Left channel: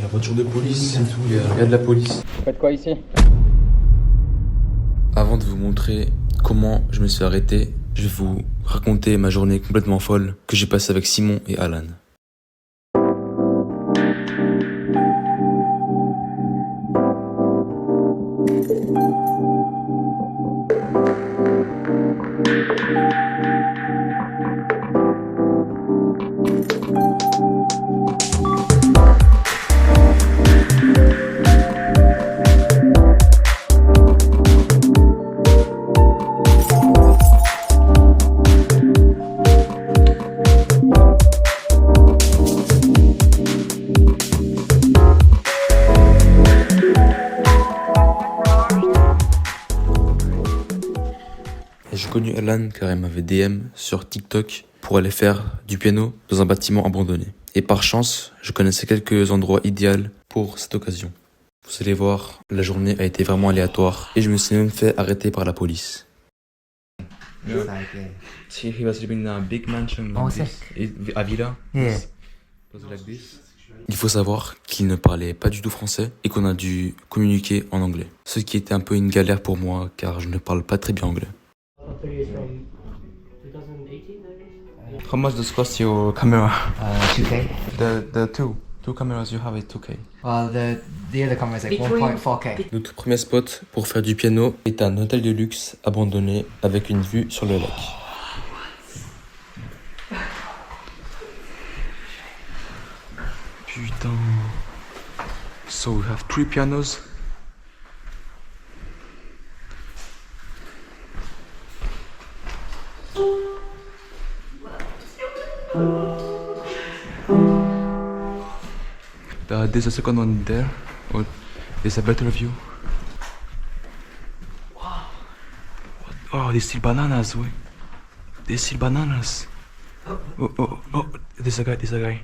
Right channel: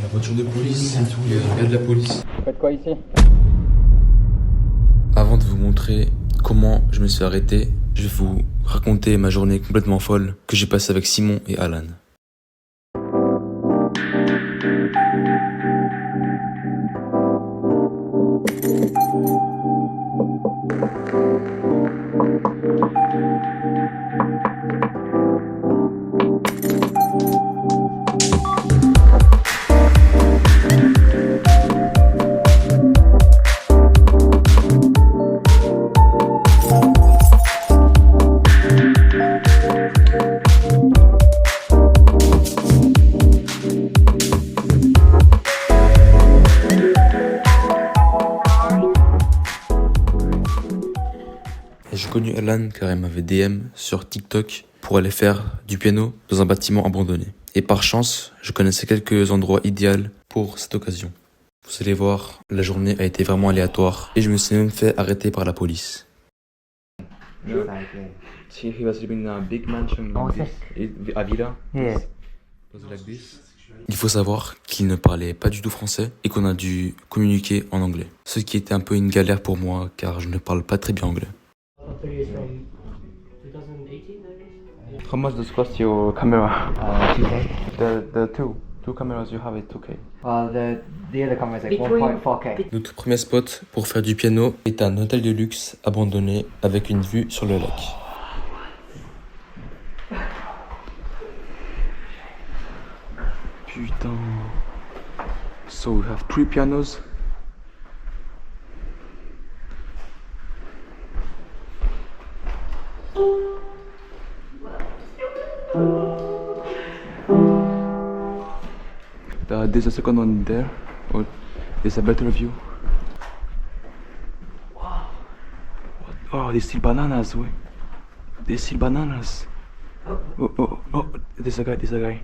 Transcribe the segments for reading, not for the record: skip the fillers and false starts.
La voiture de police et tout, il y a de la police. Vous faites quoi ici? Avant de vous montrer comment je me suis arrêté, je vais vous raconter ma journée complètement folle que j'ai passée avec Simon et Alan. J'ai connu Alan car elle m'avait DM sur TikTok pour aller faire du piano dans un bâtiment abandonné. Et par chance, je connaissais quelques endroits idéaux pour cette occasion. Vous allez voir, la journée a été vraiment aléatoire et je me suis même fait arrêter par la police. He was living in a big mansion à Villa. Il faut savoir qu'il ne parlait pas du tout français et qu'on a dû communiquer en anglais. Ce qui était un peu une galère pour moi car je ne parle pas très bien anglais. How much does cost your camera? 2K. The two cameras you have is 2K. Well, the other camera is like 1.4K. Notre premier spot pour faire du piano est un hôtel de luxe abandonné avec une vue sur le lac. Putain. So we have 3 pianos. There's a second one there. Oh, there's a better view. What? Oh, there's still bananas. Wait. There's still bananas. Oh, there's a guy. Outside.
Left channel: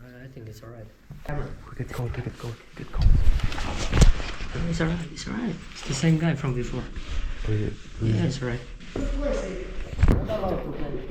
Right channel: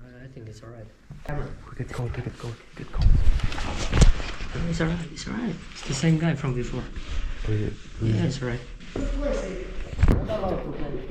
I think it's alright. Get cold. It's alright. It's the same guy from before. Yeah, it's alright.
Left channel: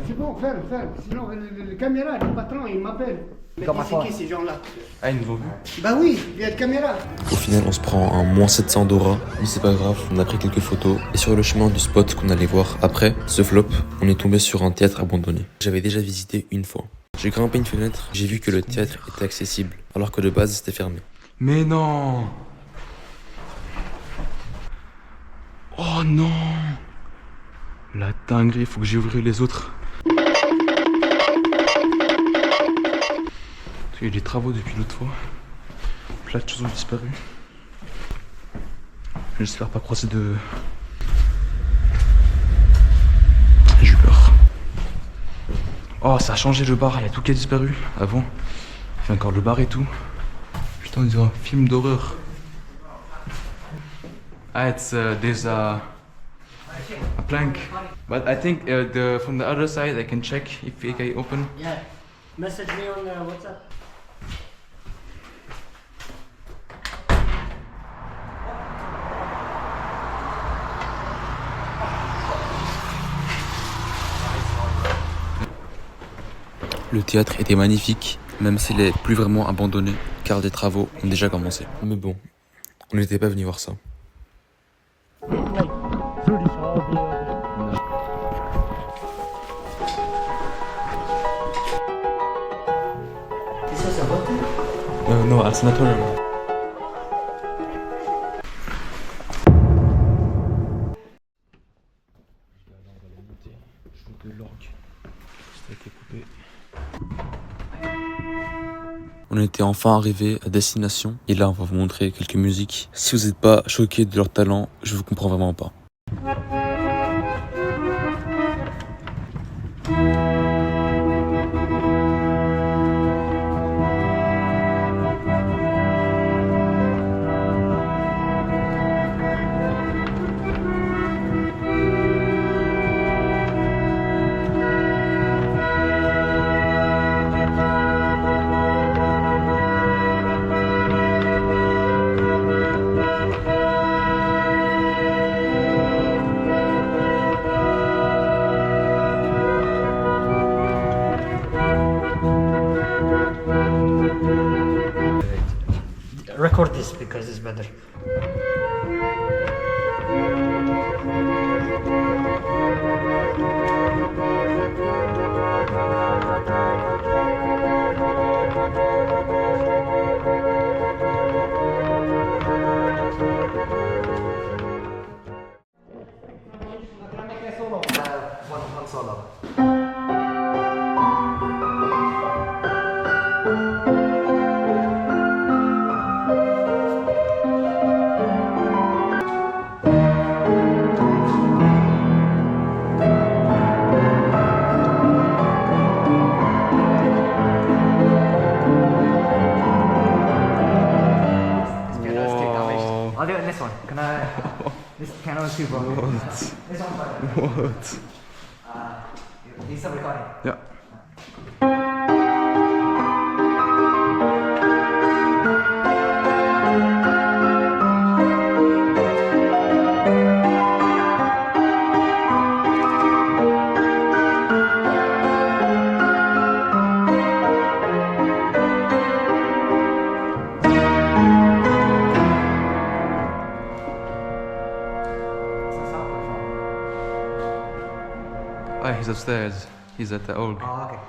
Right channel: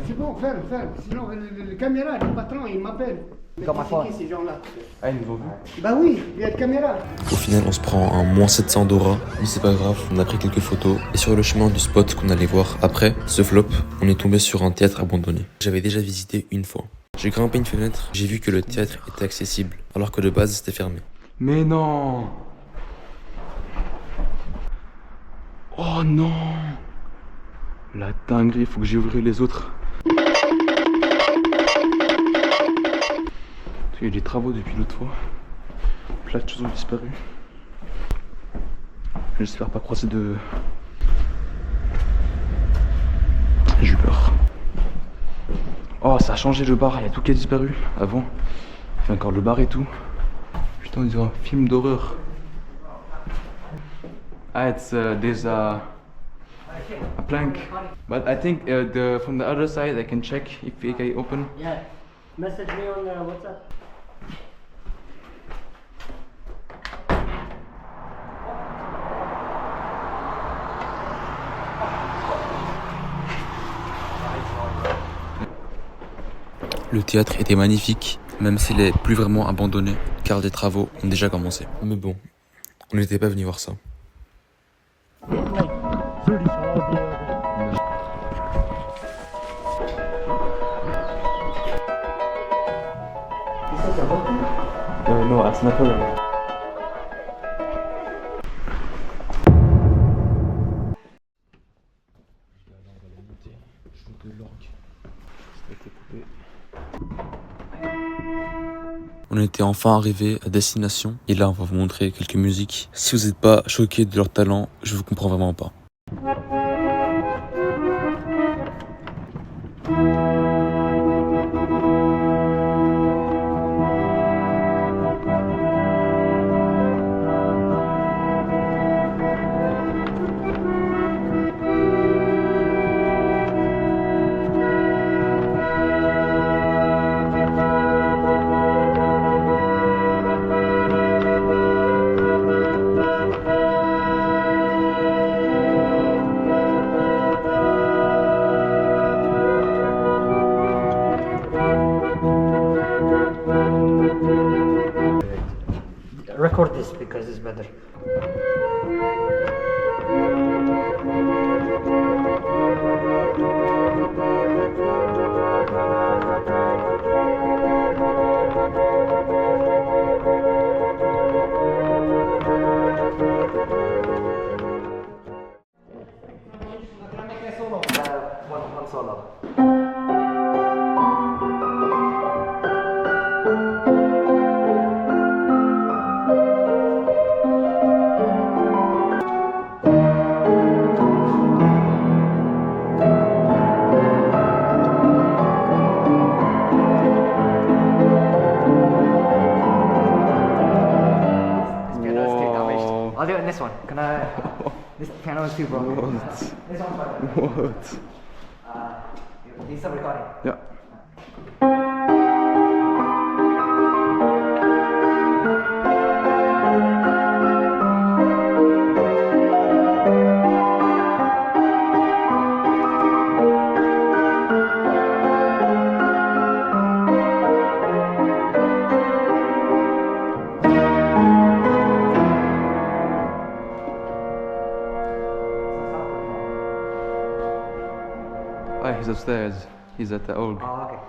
C'est bon, ferme. Sinon, le caméra, le patron, il m'appelle. Mais c'est qui ces gens-là? Ah, une nouveau. Bah oui, il y a de caméra. Au final, on se prend un moins 700 d'Aura, mais c'est pas grave, on a pris quelques photos. Et sur le chemin du spot qu'on allait voir après ce flop, on est tombé sur un théâtre abandonné. J'avais déjà visité une fois. J'ai grimpé une fenêtre, j'ai vu que le théâtre était accessible, alors que de base c'était fermé. Mais non! Oh non! La dinguerie, il faut que j'ouvre les autres. Il y a des travaux depuis l'autre fois. Plein de choses ont disparu. J'espère pas croiser de... J'ai eu peur. Oh, ça a changé le bar, il y a tout qui a disparu. Avant, il y a encore le bar et tout. Putain, on dirait un film d'horreur. Ah, there's a plank. But I think from the other side I can check if it can open. Yeah. Message me on WhatsApp. Le théâtre était magnifique, même s'il est plus vraiment abandonné, car des travaux ont déjà commencé. Mais bon, on n'était pas venu voir ça. Non, un sanatorium. On était enfin arrivé à destination et là on va vous montrer quelques musiques. Si vous n'êtes pas choqués de leur talent, je vous comprends vraiment pas. This is better. One solo. I'll do it in this one. Can I? This piano is too broken. What? This one's better. What? You still recording? Ja. Oh, he's upstairs. He's at the org. Oh, okay.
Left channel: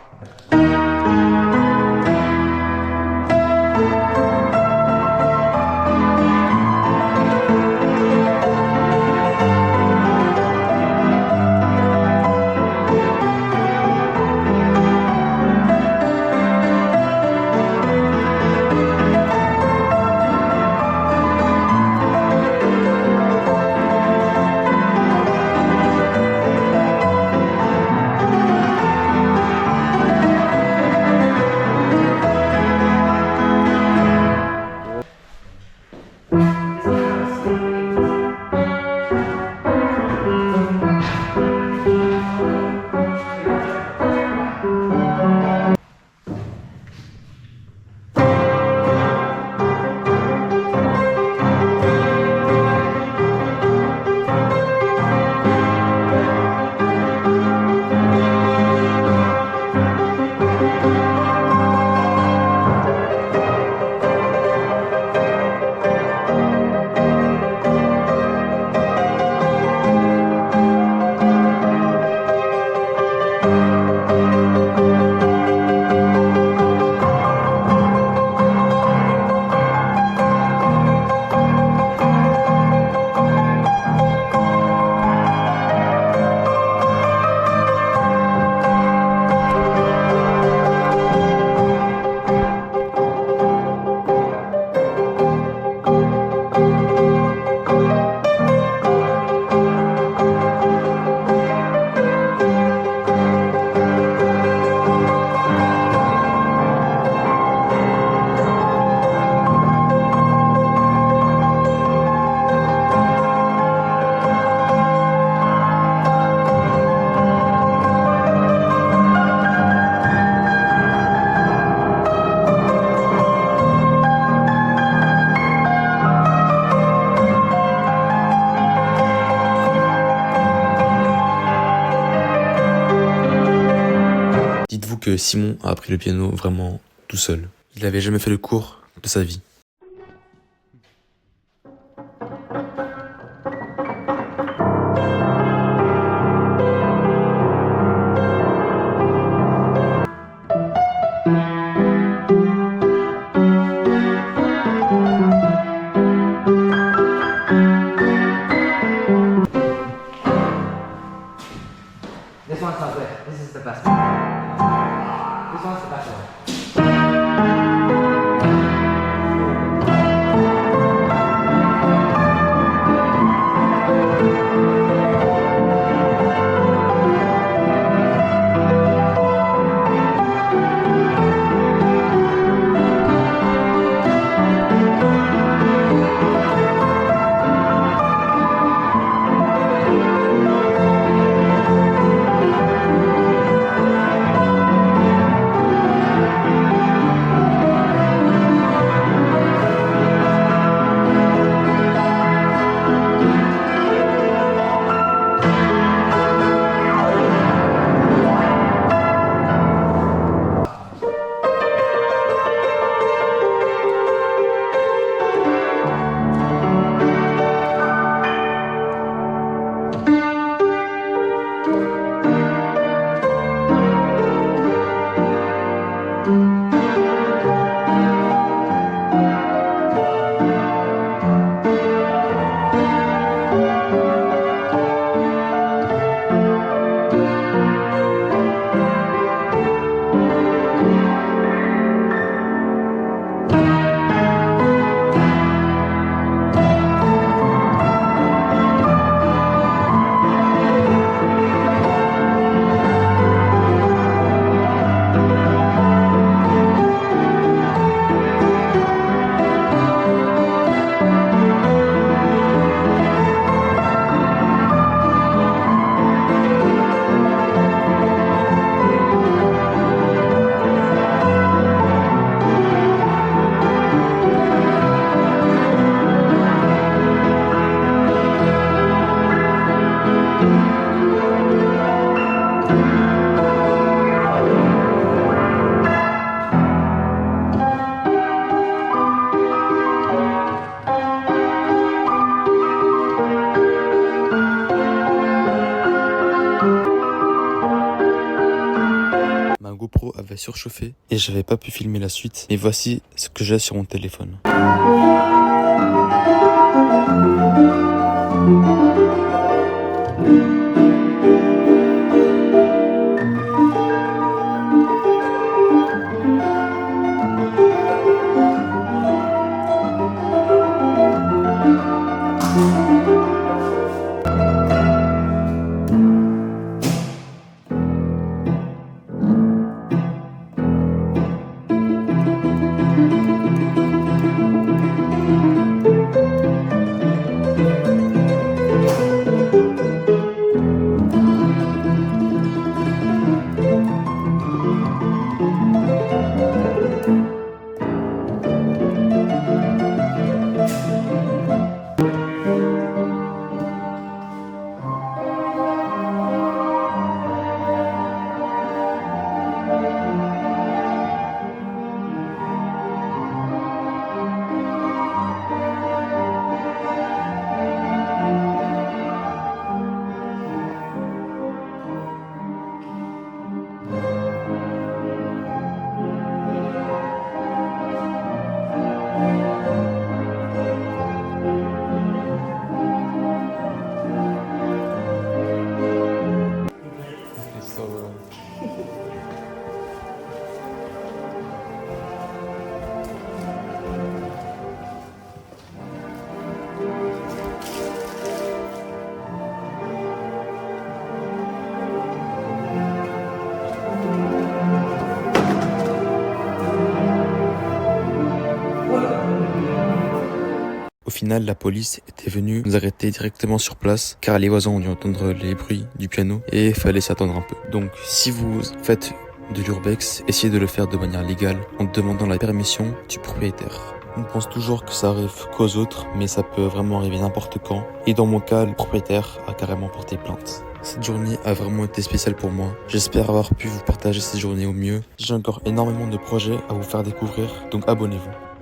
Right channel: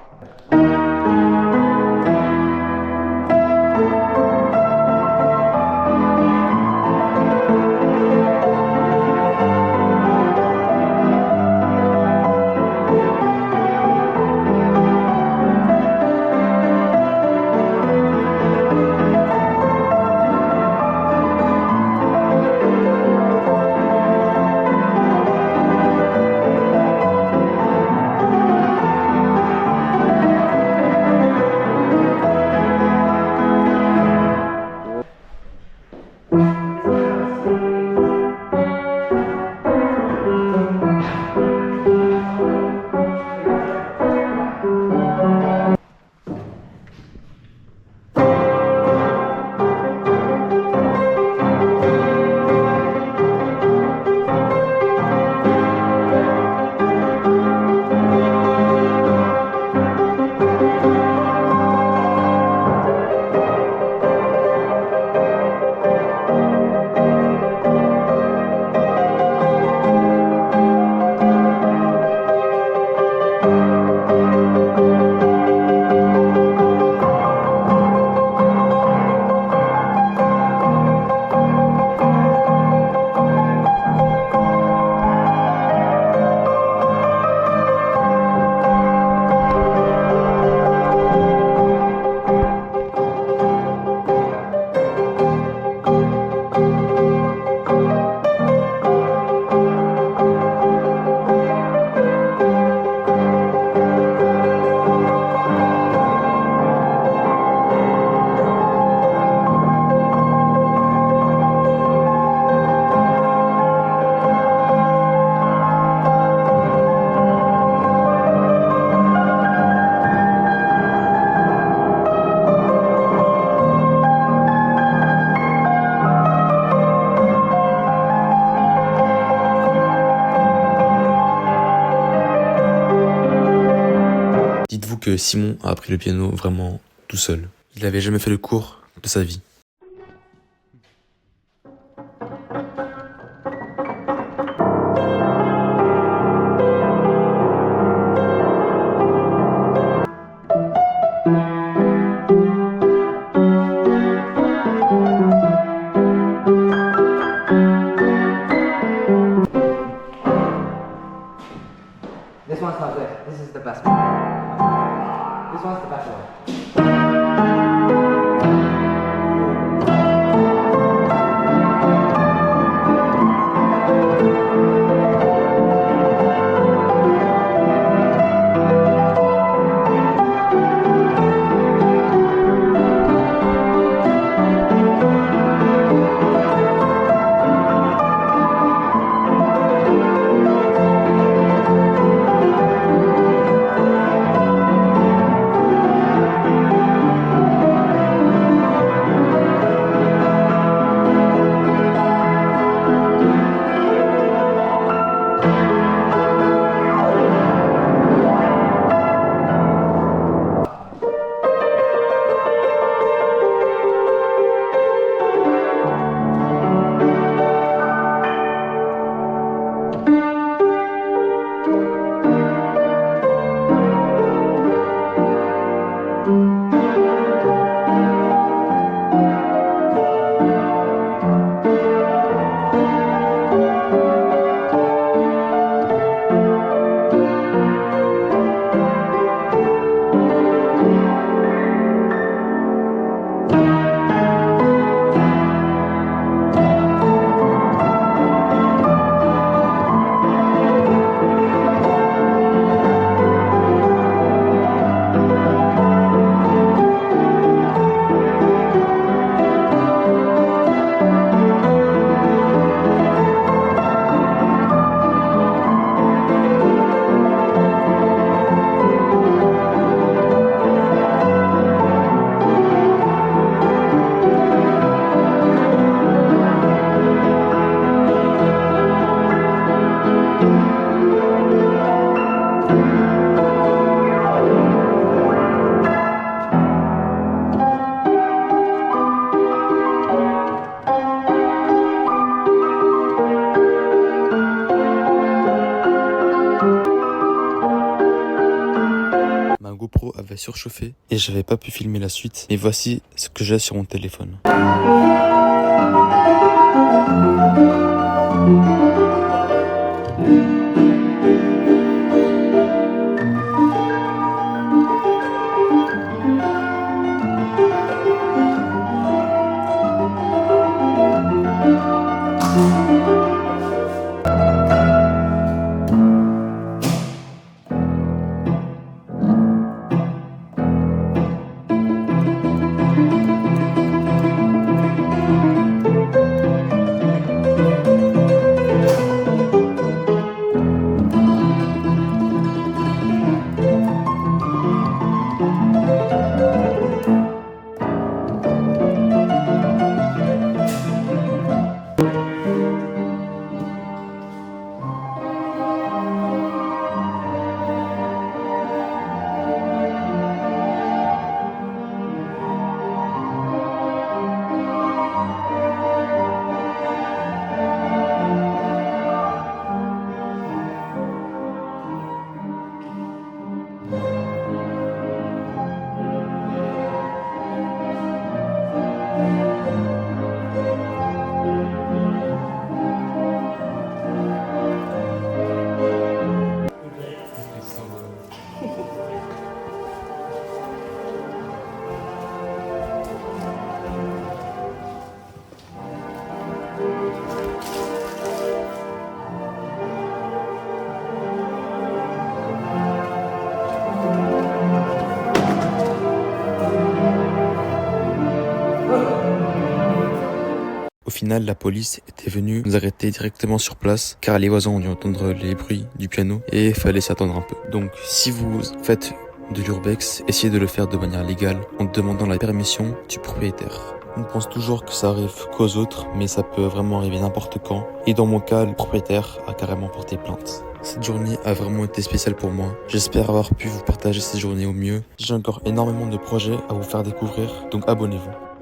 Dites-vous que Simon a appris le piano vraiment tout seul. Il n'avait jamais fait le cours de sa vie. This one's not good. This is the best one. This one's the best one. avait surchauffé et j'avais pas pu filmer la suite. Et voici ce que j'ai sur mon téléphone. Au final, la police était venue nous arrêter directement sur place car les voisins ont dû entendre les bruits du piano et il fallait s'attendre un peu. Donc si vous faites de l'urbex, essayez de le faire de manière légale en demandant la permission du propriétaire. On pense toujours que ça arrive qu'aux autres, mais ça peut vraiment arriver n'importe quand. Et dans mon cas, le propriétaire a carrément porté plainte. Cette journée a vraiment été spéciale pour moi. J'espère avoir pu vous partager cette journée au mieux. J'ai encore énormément de projets à vous faire découvrir, donc abonnez-vous.